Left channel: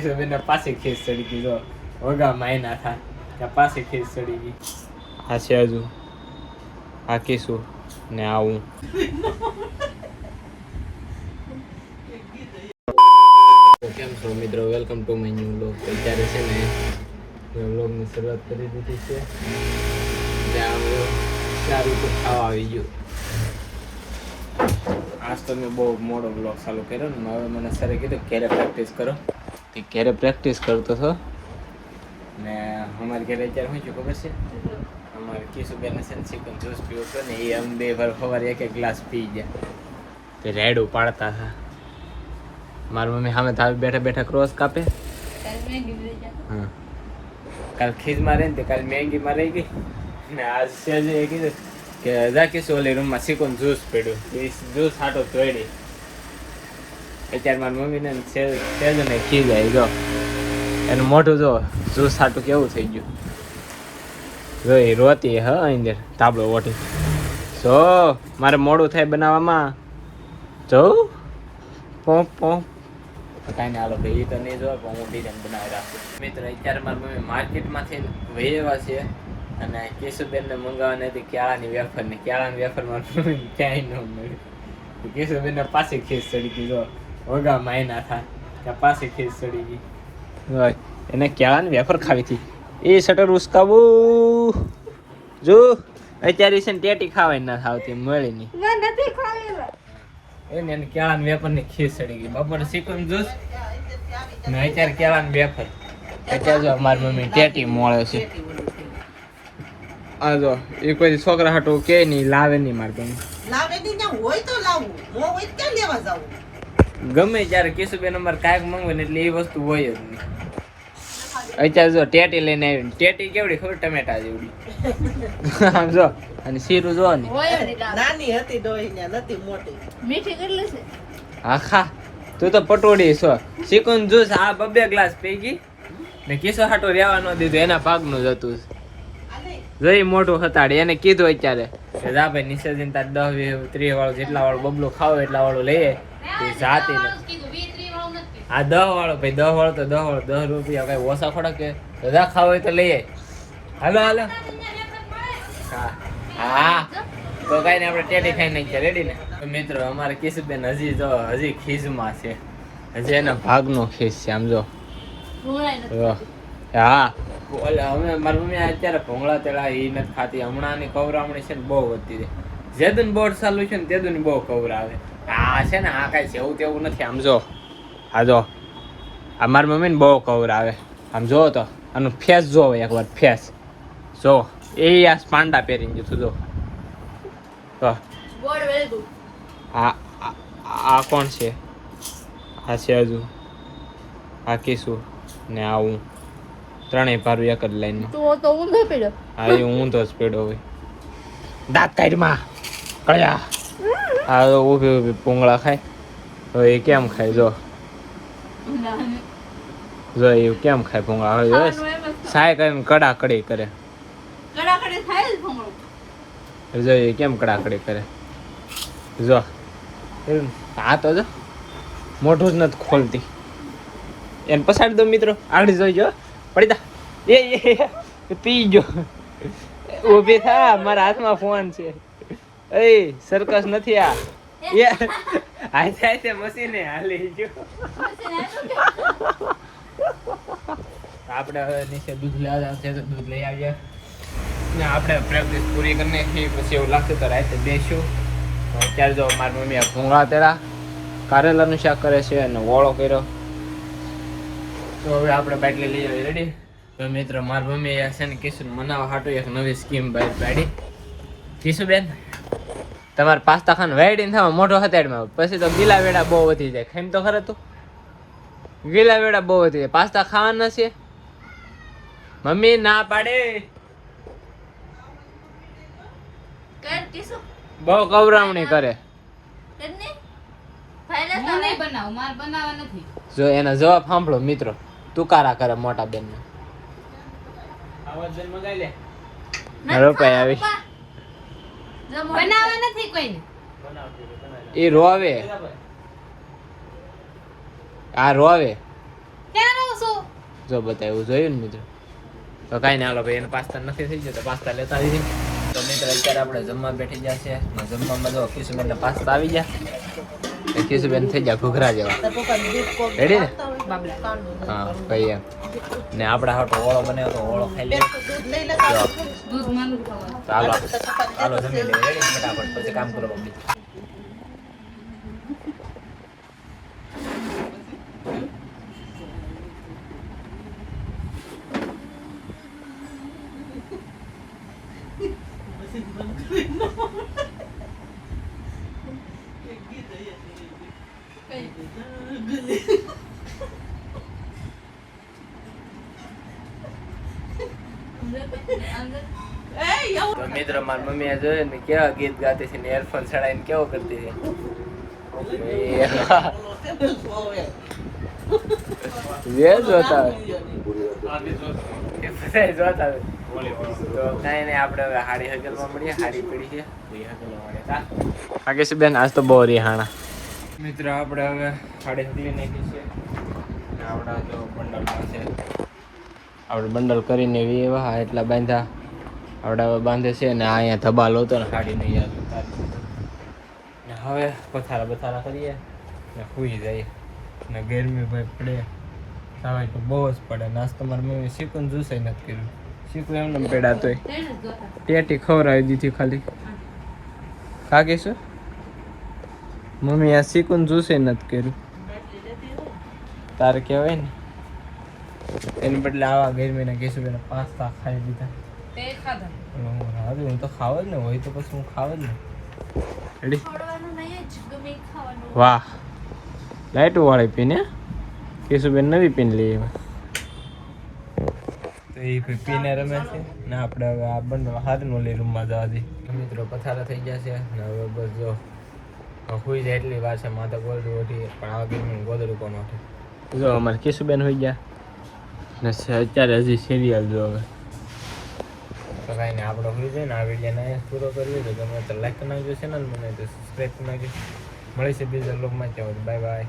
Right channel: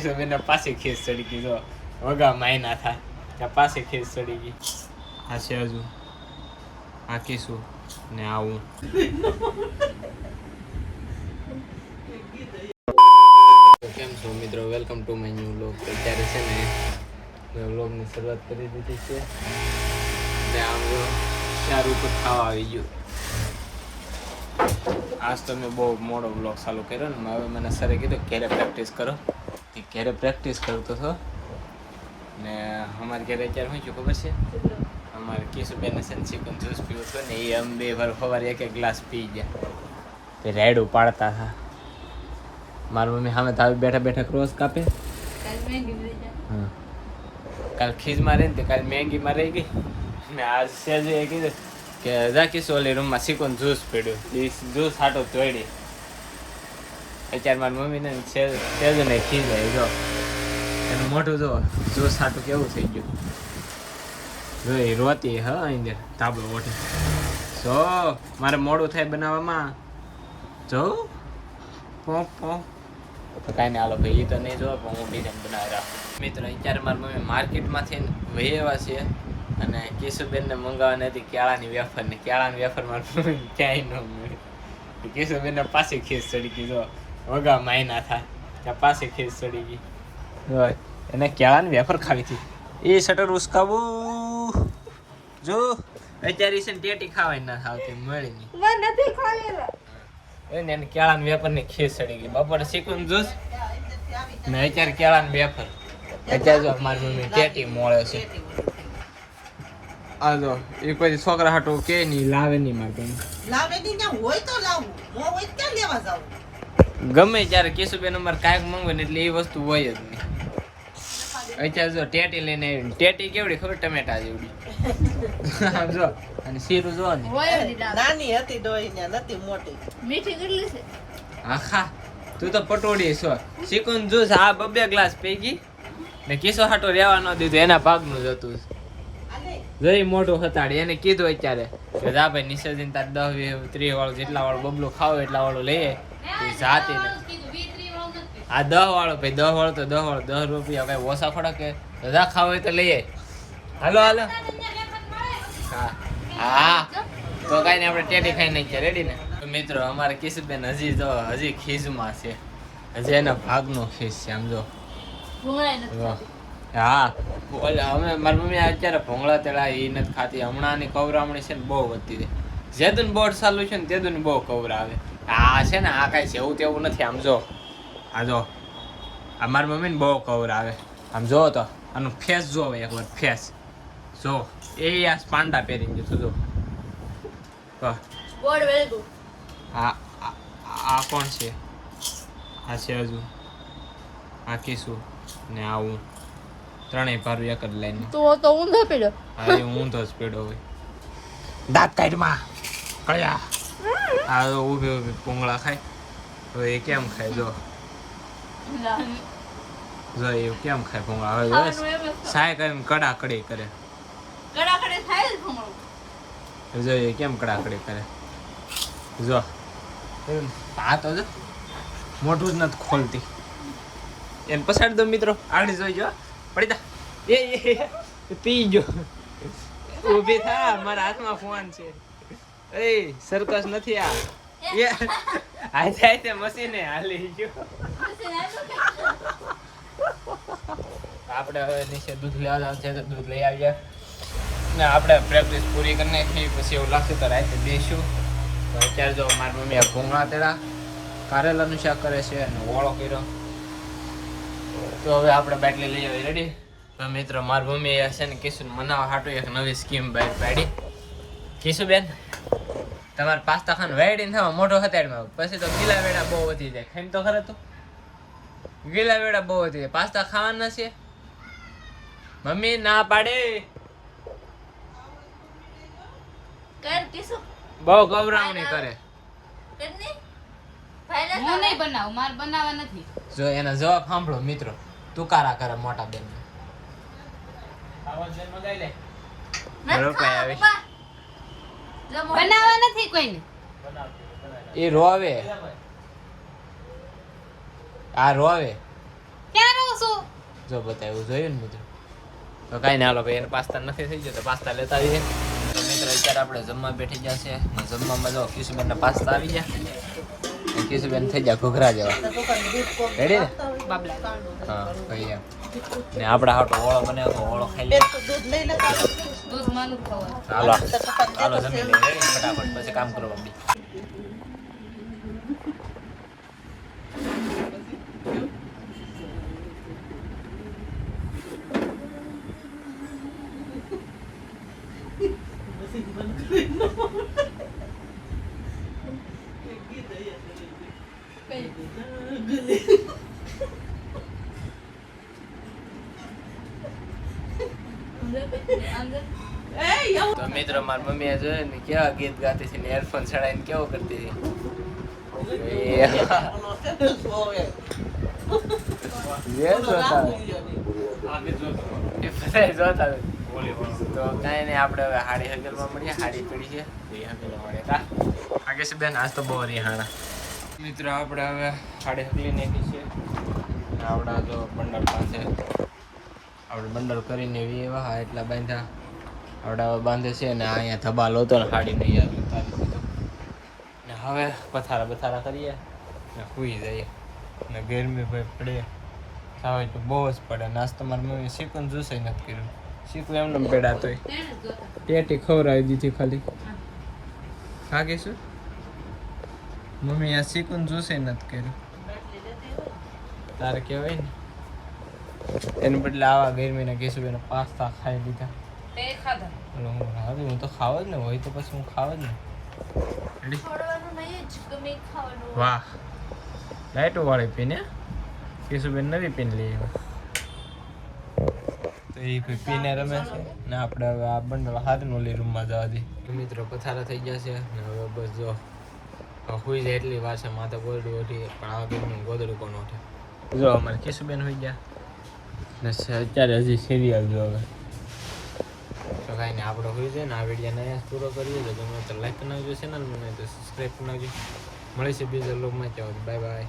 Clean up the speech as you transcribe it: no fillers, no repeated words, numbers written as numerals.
બેન પાસે ખેસ ચડી ગઈ જો વગા માયના થા ત્યાં પાસે ખેસ ચડી ગઈ આ છે હજુ આ કીશું ને આવું કેમ છો મિત્રો welcome to my new vlog અત્યારે છે ને મેં વ્લોગની શરૂઆત કરી દીધી છે ને આમ ચાર ઉપર ખાવા આવી ગયું આજ તો મેં બહુ મોડો વ્લોગ ચાલુ કર્યો ને હવે મને સરે કીધું ઘરે પ્રેક્ટિસ કરો તે ઘરે પ્રેક્ટિસ કરતો હતો ને અમારે ઘરે અત્યારે શું ખબર છે અમારે કિશુબેન ચિકન જ્યુસ પીવો હતો ને એ અમે બે વાર સવારે એક ગ્લાસ પી ગયા તે રાયડું પાડતા હતા મારી મમ્મી સામે તાવ બેઠા બેઠા ક્રોસ કાપે હા કાલ ખીજમાં રહી ને તે કાલ મેંગીમાં રહી ગઈ ને આજ સેજે એ કીધું કે જા કિશુ ઓલી રૂમમાં ચિકન જ્યુસ પડ્યું એ જ્યુસ હાટો તોડી અત્યારે મારી મમ્મીને સેજો ને ખીજાય જો એનું મોઢું જો જ્યુસ હાટું કેવું થઈ ગયું જો એ રોતી હા અંદર તાબડો ઓઠી જો મારે મોડું થાય બનાવવામાં જો પોપ પોપ કાંઈ નહીં હાલો ભાઈ એ તો નહીં જોવા પણ હું બીજાને બનાવી રાખું મિત્રો અત્યારે મારી મમ્મી માર્કેટમાંથી વહી એવા છે અને કિશુબેનને મંગાવવાની હતી કેળાની વેફર મારી મમ્મી ક્યાંય ન મળી કિશુબેનને પાછી ખીસ ચડી ગઈ જો વગા માયના થા ત્યાં પાછી ખીસ ચડી ગઈ હોય એને કેળાની વેફર ખાવી હતી એ શટર ઉસકાવું જો અત્યારે છે ને ટેટી ખાવાય ના થાવતી મળી નહીં એને કેળાની વેફરની ખીસ ચડી ગઈ બપોરે ચિકન જ્યુસ ને અત્યારે કેળાની વેફર અત્યારે જો મારી મમ્મી ટેટી મળે છે આ જો એ કોઈ છોકરા હાટું કે નહીં લાવે નહીં મારી મમ્મી ગમે ત્યારે કિશુબેન અમારે કાંઈક મંગવે ને એટલે એ વસ્તુ હોય જ નહીં અત્યારે જો ટેટી લઈને આવી ટેટી કેવડી ખબર ટમેટા જેવડી આમ જો અને શીરું જો ને નાની હતી ડોહીને નથી મોટી મીઠી કેટલી છે આખા તું તો પટોડી છો ચિકન જ્યુસ આ બબે ગ્લાસ પી ગઈ ને કિશો હાટો રહેવા ન દીધું એના ભાગનું જ હતું જઈ મોઢું હતાડી એને કીધું અત્યારે કે જા ભાઈ નિસર્જન તાર 10-20-30 વાળું જેટલા વાળું બબલું ખાવ એટલા વાળું લઈએ જાતી નથી આ 10 વાળો ભાઈ 10 વાળો તો 10 વાળો 10 રૂપિયા કઈ ઓછા ખોડા કે બધા ખાવ હોય તો લઈએ હાલો હાલો હા હા તો કઈ ને આપણે ટેટી ખાઈ નાખીએ રેડી ને મિત્રો અમારે કિશુબેન હજી ખીજમાં છે હજી એના ભાગનો ખીજ છે આમ જો હા અમે મારી મમ્મી અત્યારે ભોંગળા તેડા એ નથી ખાતી હમણાંની કવરામણી છે ને બહુ વધતી છે જેદુન બોર્ડ ચાલુ છે ને તેદુન બહુ કવરાવે આ છે ને આ કાંઈ જેવું તેવું નથી આમ જો હા જો આ મારી મમ્મીને બહુ કવરાવે આમ જો તો આનું ફેસ જો એકવાર ફેસ જો એ આ પાંડા પહેરીને જતું જો હા આ કોણ છે આ છે હજુ આ કિશુ ને આવું ત્રણેય પારું એક જ લાઈનમાં તો ઊંધો પડ્યો હા એ ઊંધો જ પડ્યો હોય દાંત કાઢમાં કયા આ તો ઊભી ઊભી પૂંગળા ખાય તો એ કેમ ખાય જો એ કેમ ખાય પૂંગળા હવે સાય કરીને કડાકડી કરે જો એ કેમ કડાકડી કરે જો હા તો જો મોઢું જ નથી ખોલતી એને પછાડી દો મિત્રો આગળ જોઈજો પડી જા એ પી ગયો ઊભી થા મારા હાથમાં ફોન છે એ સર્કસ નથી આ એ હાથે મશીને હાલી ગયો આપણે હવે નીચે દૂધ લેવા જવાનું છે તો દૂધ લઈ આવ્યા ને આપણે પ્રેક્ટિસ પૂરી કરી નાખી પછી એવું લાગતું તો રાતે બેસ્યું અત્યારે જો મારી મમ્મીએ ભૂંગળા તેડા કારેલાનું શાક કરે છે અને ઓળો કર્યો તો હવે આપણે બાટલી લઈ આવી રેડી તો મિત્રો મારી મમ્મી છે ને કિશુને મનાવવા હાટું એક નવી સ્કીમ બહાર પાડી કિશુબેન તમારે પાસ્તા ખાવાનું વાઈડીને થવા મોટો હતાડમાં પછી તો ગીલા વેડા બહુ વધી જાય ખાઈને તો ખરે તું ગીલા વેડા બહુ વધી જાય પાસ્તા ખાવાના છે મમ્મી ના પાડે બહુ ગૌરાવણી કરે જો એનો જવાબ સાંભળો મિત્રો તુકારા કરે મોટા બેન ને રોપાઈ આવી એ રોવે આ રોવે જો બતાવ્યું જોયું ને મિત્રો. તો કાંઈ નહીં હાલો ભાઈ, એને પાસ્તા નથી થઈ ગયો તો પાસ્તા લેતા આવીએ. તો મિત્રો અત્યારે આપણે જમવા બેઠી ગયા છે. જમવામાં જો કિશુબેનના પાસ્તા આવી ગયા. કિશુબેન થઈ ગયા ઘૂઘરા જેવા. રેડી ને? હા ભાઈ એમ. ને આપણે હાટો ઓળો બનાવ્યો તો ઓળો ખાઈ લઈએ. ચાલો ચાલો જમી લઈએ. રેડી ફટાફટ, પછી કામ કરો મમ્મી. તો મિત્રો મારી મમ્મીએ જોયું ને કેવા ગીત ગાતી છે ને એરફોન ચડાવીને કેવો કરતી હતી. જોતા જોતા તો કાંઈ નહીં, આપણે હવે હાડી હગલમાં મળીએ. હાડી પડી છે હગલવા મળે કા આગે બેન. આજ તો બહુ રિહાણા મિત્રો. આપણે હવે હાડી હગલી નાખી છે. આપણા જો બંડલ પાસે આપણે બંડલ કરીને એવા એટલા બાંધ્યા આપણે હવે બાંધે છે. ને અહીંયા ધબાલ હતો ને હાડી નહીં આવી ને હવે બથારા કરીએ ને સૂઈ જઈએ. ને ગરમી ભાઈ પડે હવે તો બહુ જ પડે. નાસ્તો મારી મમ્મી શીખું જ્યુસ નથી કર્યું. શીખું એમને પેડા તોય ટેટી ખવડાવી દીધી ખાલી. કાકીશું મમ્મી આ શીખું જ્યુસ નથી કર્યું. તારે કહેવાય ને એની બદલે આવા ગરમીના કેશુબેન પાસ્તા ખાઈ લીધા. હું તો ખાવ જ ને હોય તો પછી હું ખાવ જ ને. રેડી? વાહ, લાઈટો વાળી પીને કેશુબેન નવી પીને લઈ એમાં તો એ પીને રમે છે ને. આપણે હવે આ બંને હાથનો લઈ રૂમમાં જવા દઈએ. મિત્રો પથારા થઈ ગયા છે ને હવે બસ જો હોઈ જાય એટલી વાર છે. માથા ગોદડું ઓઢી પણ આવા ગરમી ગોદડું કોણ ઓઢે. જો અમારે કેશુબેન હોઈ ગયા ને અત્યારે હજી સિરિયલ જો હવે. તો કાંઈ નહીં, આપણે હોઈ જાય ને આ વિડીયોને અહીંયા પૂરો કરીએ. તો ગમે તો લાઈક કરી નાખજો ચેનલ, મને તો સબસ્ક્રાઈબ કરી નાખજો. મળીશું બીજા લોગમાં. ત્યાં બાય બાય.